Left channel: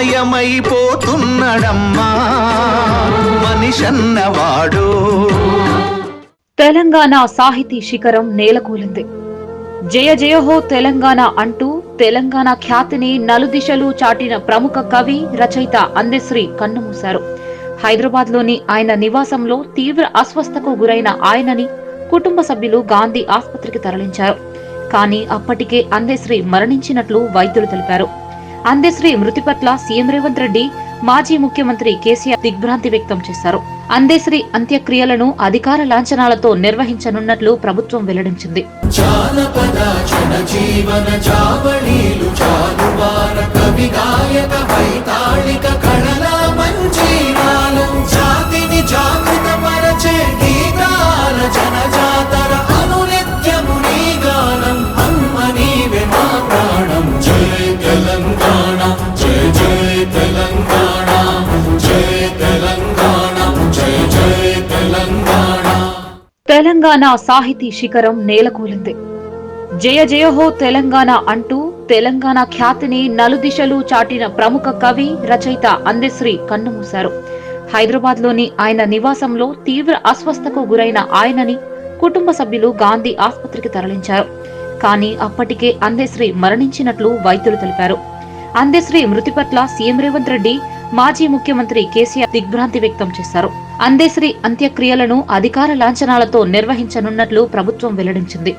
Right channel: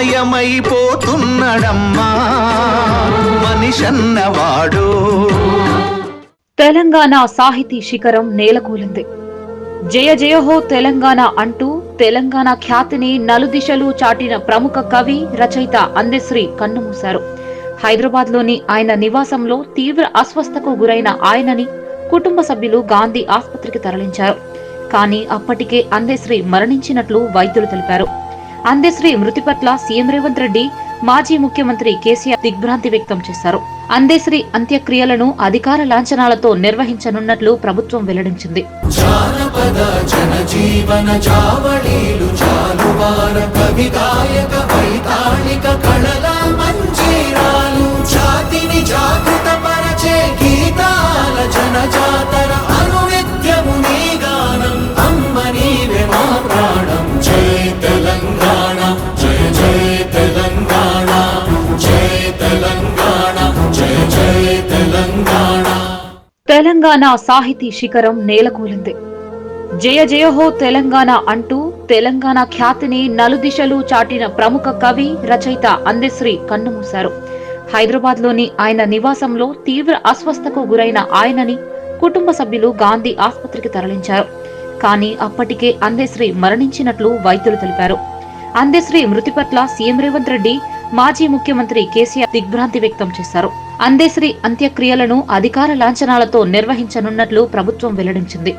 మాయమైపోతున్నడమ్మా మనిషన్నవాడు. తెలంగాణ సాహితీ శిఖరం నేలకూలింది. జయ జయహో తెలంగాణ అంటూ తెలంగాణ ఖ్యాతిని నలుదిశలు చాటిన ప్రముఖ కవి రచయిత అందెశ్రీ కన్నుమూశారు. హైదరాబాద్లోని ఆయన నివాసంలో తీవ్ర అస్వస్థకు గురైన ఆయనని కుటుంబ సభ్యులు గాంధీ ఆసుపత్రికి తరలించారు. కానీ అప్పటికే అందెశ్రీ మరణించినట్లు వైద్యులు తెలిపారు. అందెశ్రీ మృతి పట్ల సీఎం రేవంత్ రెడ్డి మాజీ ముఖ్యమంత్రి కేసీఆర్ దిగ్భ్రాంతి వ్యక్తం చేశారు. అందేశ్రీ అంత్యక్రియలను అధికార లాంఛనాలతో నిర్వహించనున్నట్లు ప్రభుత్వం వెల్లడించింది. జానపద జనజీవన చావళీలు జానువార తెలంగాణ సాహితీ శిఖరం నేలకూలింది. జయ జయహో తెలంగాణ అంటూ తెలంగాణ ఖ్యాతిని నలుదిశలు చాటిన ప్రముఖ కవి రచయిత అందెశ్రీ కన్నుమూశారు. హైదరాబాద్లోని ఆయన నివాసంలో తీవ్ర అస్వస్థకు గురైన ఆయనని కుటుంబ సభ్యులు గాంధీ ఆసుపత్రికి తరలించారు. కానీ అప్పటికే అందెశ్రీ మరణించినట్లు వైద్యులు తెలిపారు. అందెశ్రీ మృతి పట్ల సీఎం రేవంత్ రెడ్డి మాజీ ముఖ్యమంత్రి కేసీఆర్ దిగ్భ్రాంతి వ్యక్తం చేశారు. అందేశ్రీ అంత్యక్రియలను అధికార లాంఛనాలతో నిర్వహించనున్నట్లు ప్రభుత్వం వెల్లడించింది.